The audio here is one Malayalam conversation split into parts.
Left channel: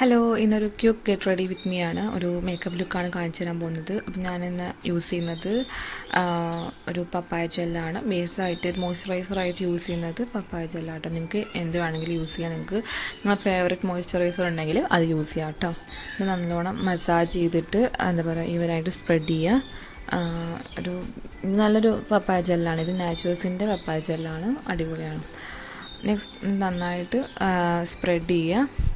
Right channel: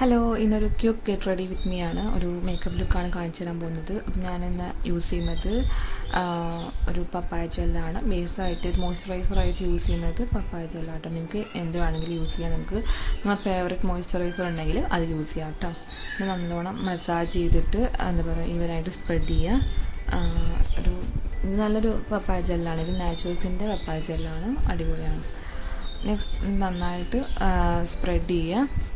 ഹലോ, ഇന്നൊരു quake get ready with me ആണ്. ഒരു മേക്കപ്പ് ലുക്കാണ് കാണിച്ചു തരാൻ പോകുന്നത്. അപ്പം ഞാനിന്ന് യൂസ് ചെയ്യുന്നത് ഒരു പപ്പായ ജെല്ലാണ്. ബേസായിട്ട് ഒരു മോയ്സ്ചറൈസറായിട്ട് യൂസ് ചെയ്യുന്നത് പപ്പായ ജെല്ലാട്ടോ. നിങ്ങൾക്ക് എന്ത് വേണമെങ്കിലും യൂസ് ചെയ്യാം. നിങ്ങൾക്ക് നിങ്ങളുടെ ഫേവറേറ്റ് മോയ്സ്ചറൈസർ ഉണ്ടെങ്കിൽ അത് യൂസ് ചെയ്യാം കേട്ടോ. ഇത് നല്ലോണം മസാജ് ചെയ്തിട്ട് എന്താ പറയുക ഇവരായിട്ട് സ്പ്രെഡ് ചെയ്യുക. ഒരു നല്ലൊരു പപ്പായ ജെല്ലാണ്. ഇത് നാച്ചുറൽസിൻ്റെ പപ്പായ ജെല്ലാണ്. അടിപൊളിയാണ്. നെക്സ്റ്റ് നന്നായിട്ട് സ്പ്രെഡ് ചെയ്യുക.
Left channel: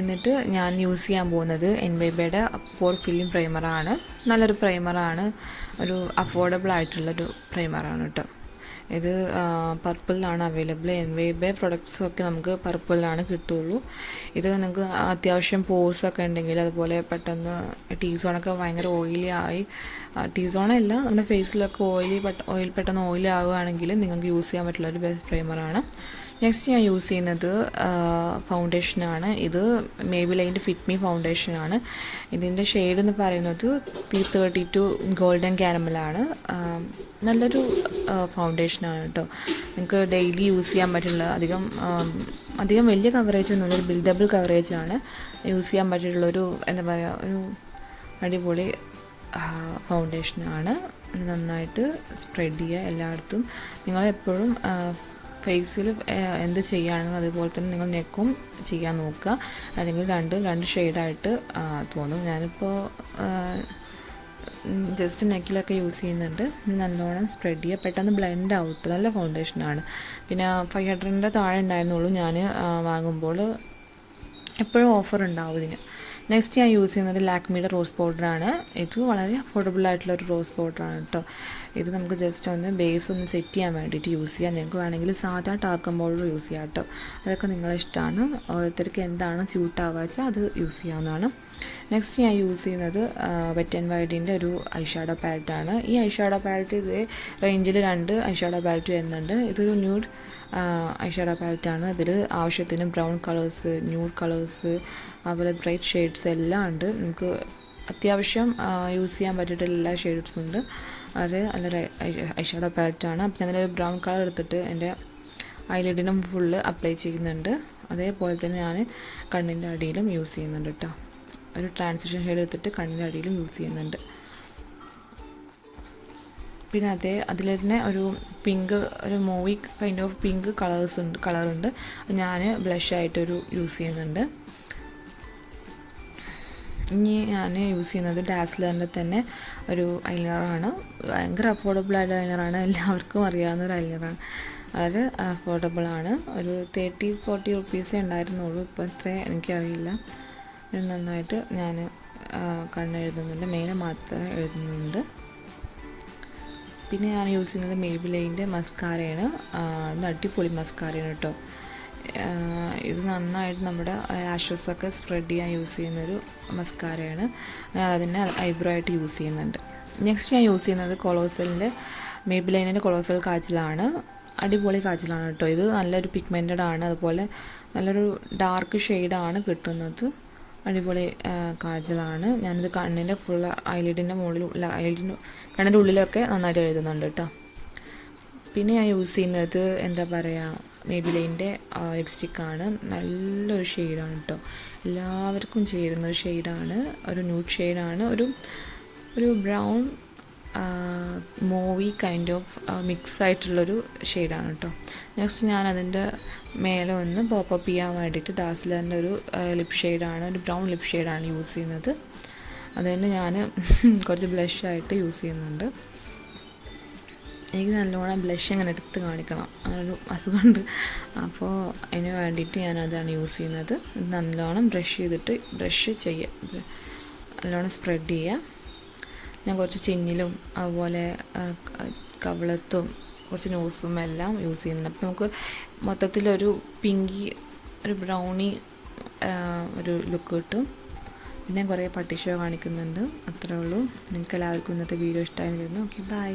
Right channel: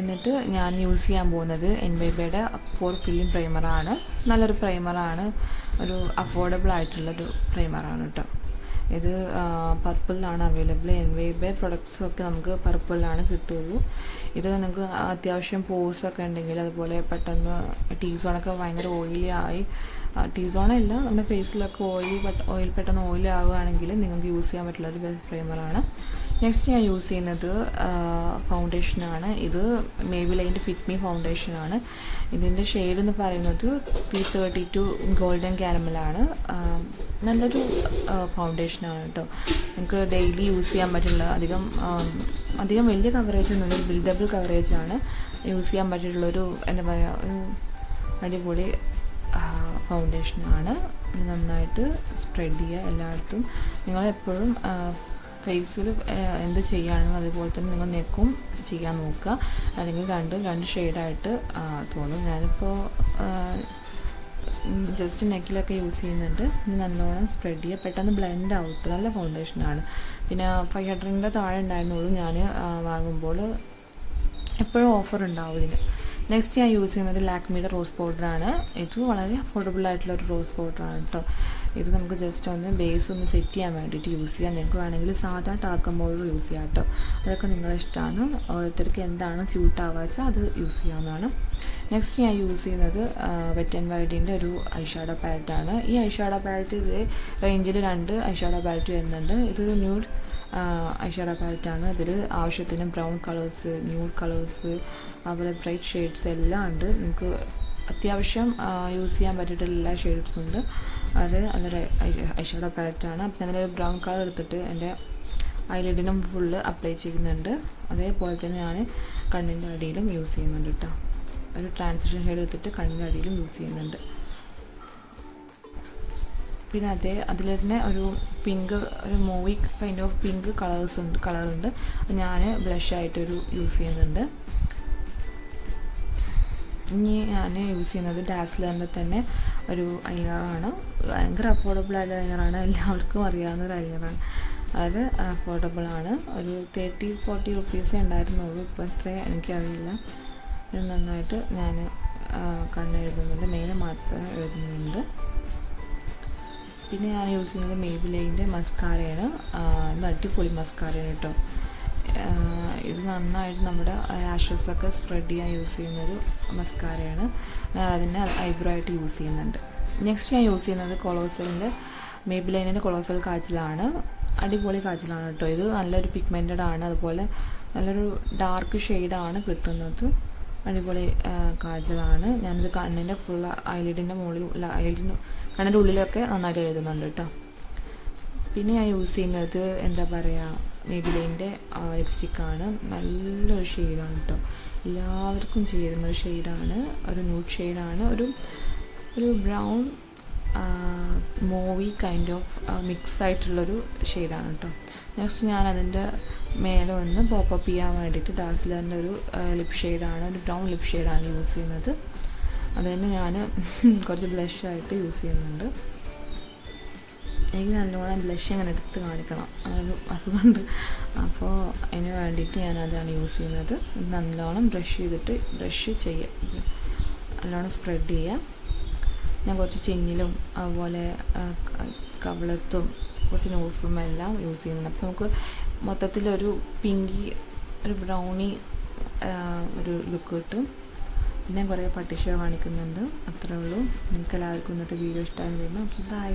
എന്നിട്ട് ഞാൻ യൂസ് ചെയ്യാൻ പോകുന്നത് എൻവൈബയുടെ പോർ ഫില്ലിംഗ് പ്രൈമറാണ്. നല്ലൊരു പ്രൈമറാണ്. ഒരു അഫോർഡബിൾ ആയിട്ടുള്ളൊരു പ്രൈമറാണ് കേട്ടോ. ഇത് പർപ്പിളിലാണ് അവൈലബിൾ. എൻവൈബെ പ്രൊഡക്ട്സൊക്കെ നമുക്ക് പർപ്പിളിലാണ് കിട്ടുള്ളൂ. ഇത് നിങ്ങൾക്ക് അത്യാവശ്യം പോർസൊക്കെ ഉണ്ടെങ്കിൽ, അതുപോലെ പെട്ടെന്ന് ടീ സോണൊക്കെ ഭയങ്കര ഓയിലി ആയി, ടീ സോണല്ല നമ്മുടെ ഫേസിലൊക്കെ ഓയിൽ പെട്ടെന്ന് ഓയിലി ആവുകയാണെങ്കിൽ നിങ്ങൾക്ക് യൂസ് ചെയ്യാൻ പറ്റുള്ളൊരു ബെസ്റ്റ് പ്രൈമറാണ്. നെക്സ്റ്റ് ഞാൻ യൂസ് ചെയ്യുന്നത് ഫൗണ്ടേഷനാണ്. ഇത് മേബിലൈൻ്റെ ഫിറ്റ് മീ ഫൗണ്ടേഷനാണ്. ഇതിൻ്റെ ഷെയ്ഡ് എന്ന് പറയുന്നത് 332 ഗോൾഡൻ ക്യാരമലാണ്. നല്ലൊരു ഫൗണ്ടേഷനാണ് കേട്ടോ. നിങ്ങൾക്ക് ഡെയിലി യൂസ് ചെയ്യാൻ പറ്റുള്ള അധികം വലിയ കവറേജ് ഒന്നുമില്ല, ഒരു ബിൽഡബിൾ കവറേജാണ്. യൂസ് ചെയ്യാൻ പറ്റിയിട്ടുള്ളൊരു എന്താ പറയുക, ഒരു അടിപൊളി ഫൗണ്ടേഷനാണ്. നന്നായിട്ട് സ്പ്രെഡ് ചെയ്യുക എല്ലായിടത്തും. നിങ്ങളെപ്പോഴും ഫേസിൽ എന്ത് ചെയ്യുകയാണെങ്കിലും അതുപോലെ തന്നെ നിങ്ങൾ നെക്കും ചെയ്യാൻ നോക്കുക. അല്ലെങ്കിൽ രണ്ട് ഷെയ്ഡായിട്ട് തോന്നും. ഞാനിപ്പോൾ ജസ്റ്റ് നെക്കിലൊക്കെ യൂസ് ചെയ്യുന്നുണ്ട്. നല്ലോണം സ്പ്രെഡ് ചെയ്യുക. പെട്ടെന്ന് ബ്ലെൻഡ് ആവും. നല്ല ഫൗണ്ടേഷനാണ്. പിന്നെ 500 താഴെ ഉണ്ടായിരുന്നുള്ളൂ ഞാൻ വാങ്ങുമ്പോൾ. എപ്പോഴും ഓഫർ ഉണ്ടാവും ഇതിന്. നെക്സ്റ്റ് ഞാൻ യൂസ് ചെയ്യുന്നത് ലാക്മിയുടെ റോസ് പൗഡറാണ്. ഇത് വളരെ അഫോർഡബിൾ ആയിട്ടുള്ളൊരു റോസ് പൗഡറാണ് കേട്ടോ. ഇത് നമുക്ക് ജസ്റ്റ് ഒന്ന് ബേസ് ഒന്ന് സെറ്റ് ചെയ്യാൻ വേണ്ടിയിട്ട് യൂസ് ചെയ്യാം. നിങ്ങൾക്ക് വേണമെങ്കിൽ സാധാ ടാൽക്കം പൗഡർ യൂസ് ചെയ്യാം കേട്ടോ. അതൊക്കെ നിങ്ങളുടെ ഇഷ്ടമാണ്. ഓരോരുത്തർക്ക് എന്താണ് സ്യൂട്ട് ആവുക വെച്ചാൽ അത് യൂസ് ചെയ്യാവുന്നതാണ്. നെക്സ്റ്റ് ഞാൻ യൂസ് ചെയ്യുന്നത് വെറ്റ് ആൻഡ് വൈൽഡിൻ്റെ ഒരു ഐഷാഡോ പാലറ്റാണ്. ഈ ഐഷാഡോ പാലറ്റ് ഇതേ റേഞ്ചിൽ 2 ഐഷാഡോ പാലറ്റ് വരുന്നുണ്ട്. ഇതൊരു ന്യൂഡ് ഐഷാഡോ പാലറ്റാണ്. അതിൽ ആവശ്യത്തിന് ബ്രൗൺ കളേഴ്സ്, ന്യൂഡ് കളേഴ്സ്, അതുപോലെ ബ്രൈറ്റ് ഷെയ്ഡ്സ് എല്ലാം ഉണ്ട്. നമുക്ക് അത്യാവശ്യം യൂസ് ചെയ്യാൻ പറ്റിയിട്ടുള്ള എല്ലാ ഷെയ്ഡ്സും ഉണ്ട്. അത് നല്ലൊരു ഐഷാഡോ പാലറ്റാണ്. അപ്പം ഞാനൊരു ബ്രൗൺ കളർ എടുത്തിട്ട് എൻ്റെ ഐലിഡിനും ഫുള്ള് അപ്ലൈ ചെയ്യുന്നുണ്ട്. അതേപോലെ തന്നെ ഞാൻ കണ്ണിൻ്റെ അടിയിലും യൂസ് ചെയ്യുന്നുണ്ട് കേട്ടോ. ഒരു ട്രാൻസിഷൻ ഷെയ്ഡ് എടുത്തിട്ട് കണ്ണിൻ്റെ അടിയിലും യൂസ് ചെയ്യുന്നുണ്ട്. പിന്നെ അതിൽ തന്നെ ഒരു പിങ്ക്, ഒരു മൂവി കൈൻഡ് ഓഫ് പിങ്ക് കളറുണ്ട്. ഞാൻ ബ്ലഷായിട്ടൊരു യൂസ് ചെയ്യുന്നുണ്ട്. ഇനി ഞാൻ യൂസ് ചെയ്യുന്നത് ഡാസ്ലറിൻ്റെ തന്നെ ഒരു ഐലൈനറാണ്. ഭയങ്കര അഫോർഡബിൾ ആയിട്ട് ഐലൈനറാണ്. എല്ലാവർക്കും അറിയാവുന്ന ഒരു ഐലൈനറാണ്. അത് അഫോർഡബിളാണ്. ഒരു 30-40 റുപ്പീസേ ഉണ്ടായിരുന്നുള്ളൂ. ഇപ്പോൾ എത്രയും എനിക്കറിയില്ല. ഇത് നന്നായിട്ട് ഞാൻ കണ്ണെഴുതുന്നുണ്ട്. മെയിൻ മാത്രം എഴുതുന്നുണ്ട്. പിന്നെ ഞാൻ യൂസ് ചെയ്യുന്നത് മേബിലൈൻ്റെ മസ്കാരയാണ്. ഇത് അടിപൊളി മസ്കാരയാണ് കേട്ടോ. ഇത് നന്നായിട്ട് നമ്മുടെ ലാഷസൊക്കെ സ്പ്രെഡ് ചെയ്യാൻ യൂസ് ചെയ്യുന്നൊരു മസ്കാരയാണ്. ഞാൻ അതിനെ ഐബ്രോ ആയിട്ട് യൂസ് ചെയ്യുന്നുണ്ട്. നെക്സ്റ്റ് ഞാൻ യൂസ് ചെയ്യുന്നത് കൊളോസലിൻ്റെ മേബിലൈനിൻ്റെ കൊളോസൽ കാജലാണ്. അടിപൊളി കാജലാണ് കേട്ടോ. ഇത് നല്ലൊരു പിഗ്മെൻറ്റഡ് ആണ്. അതുപോലെ നല്ലൊരു ഡാർക്ക് ഷെയ്ഡാണ് കിട്ടുന്നത്. അടിപൊളി കാജലാണ്. ഞാനിത് കണ്ണിൻ്റെ ഫുൾ ഐലിഡിൻ്റെ മുകളിൽ, കണ്ണിൻ്റെ ഉള്ളിലൊക്കെ നന്നായിട്ട് എഴുതുന്നുണ്ട് കേട്ടോ. പിന്നെ ഞാൻ യൂസ് ചെയ്യുന്നത് എന്താ പറയുക, മേബിലൈൻ്റെ ലിപ്സ്റ്റിക്കാണ്. നല്ലൊരു ഷെയ്ഡാണ് കേട്ടോ. എല്ലാവർക്കും ചേരുന്ന ഒരു ഷെയ്ഡാണ്. ഒരു ന്യൂഡ് ഷെയ്ഡാണ്. ഒരു brown movie kind of mix ആയിട്ടുള്ളൊരു ഷെയ്ഡാണ് കേട്ടോ. നെക്സ്റ്റ് ഞാൻ അതിൻ്റെ മേലെ ഒന്ന് പോപ്പപ്പ് ചെയ്യാൻ വേണ്ടിയിട്ട് ഡാസ്ലറിൻ്റെ ഒരു ലിപ് ഷെയ്ഡാണ്, ഒരു ബ്രൗൺ ലിപ് ഷെയ്ഡാണ് യൂസ് ചെയ്യുന്നത്. അത് തന്നെ ഞാൻ കുറച്ച് ബ്ലഷായിട്ട് യൂസ് ചെയ്യുന്നുണ്ട്. എനിക്ക് നല്ലോണം ബ്ലഷ് ഇങ്ങനെ എടുത്ത് കാണിക്കണം, അങ്ങനൊരു അസുഖമുണ്ട്. അപ്പോൾ അതിന് വേണ്ടിയിട്ട് ഞാനതാണ് യൂസ് ചെയ്യുന്നത്. നല്ലോണം ബ്രഷ് ചെയ്യുക, നല്ലോണം സ്പ്രെഡ് ചെയ്യുക. ഞാൻ കുറച്ച് ചിന്നിലും അതുപോലെ കവിളത്തും കുറച്ച് നോസും എല്ലാം യൂസ് ചെയ്യുന്നുണ്ട്. അപ്പോൾ നമുക്ക് മൊത്തത്തിലൊരു പിങ്കി, ഒരു ബ്രൗണി ഒരു ലുക്ക് കിട്ടും. പിന്നെ കുറേ പട്ടി ഷോ കാണിക്കുന്നുണ്ട്. അത്രേ ഉള്ളൂ. നിങ്ങൾക്ക് എല്ലാവർക്കും ഇന്നത്തെ വീഡിയോ ഇഷ്ടമായിരുന്നു. Okay, by.